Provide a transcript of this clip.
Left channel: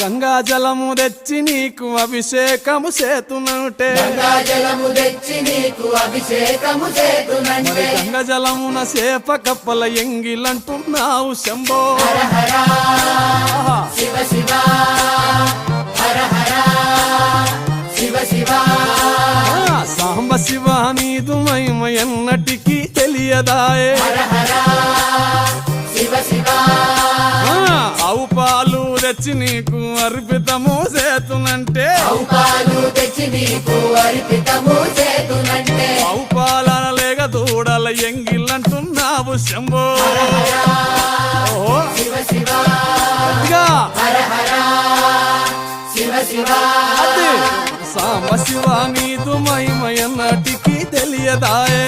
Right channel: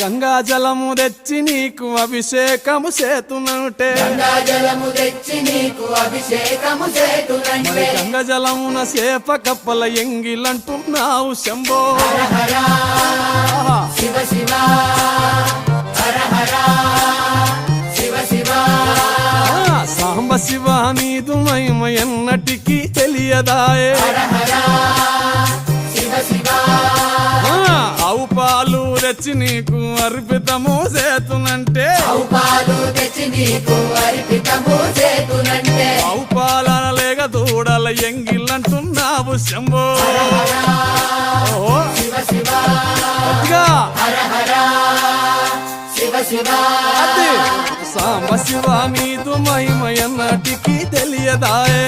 గంగా జలము తెచ్చి నీకు అభిషేకము చేతునంటే మరి గంగా జలమున సేప కప్పల ఎంగిలంటున్నావు శంభో సాంబ శివ నీదు మహిమ ఎన్నటికీ తెలియదాయే ఆవు పాలు తెచ్చి నీకు అర్పితము చేతునంటే ఆవు పాలన లేక దూడల ఎంగిలంటున్నావు శంభో గట్టిగా అదే సాంబ శివ నీదు మహిమ ఎన్నటికీ తెలియదాయే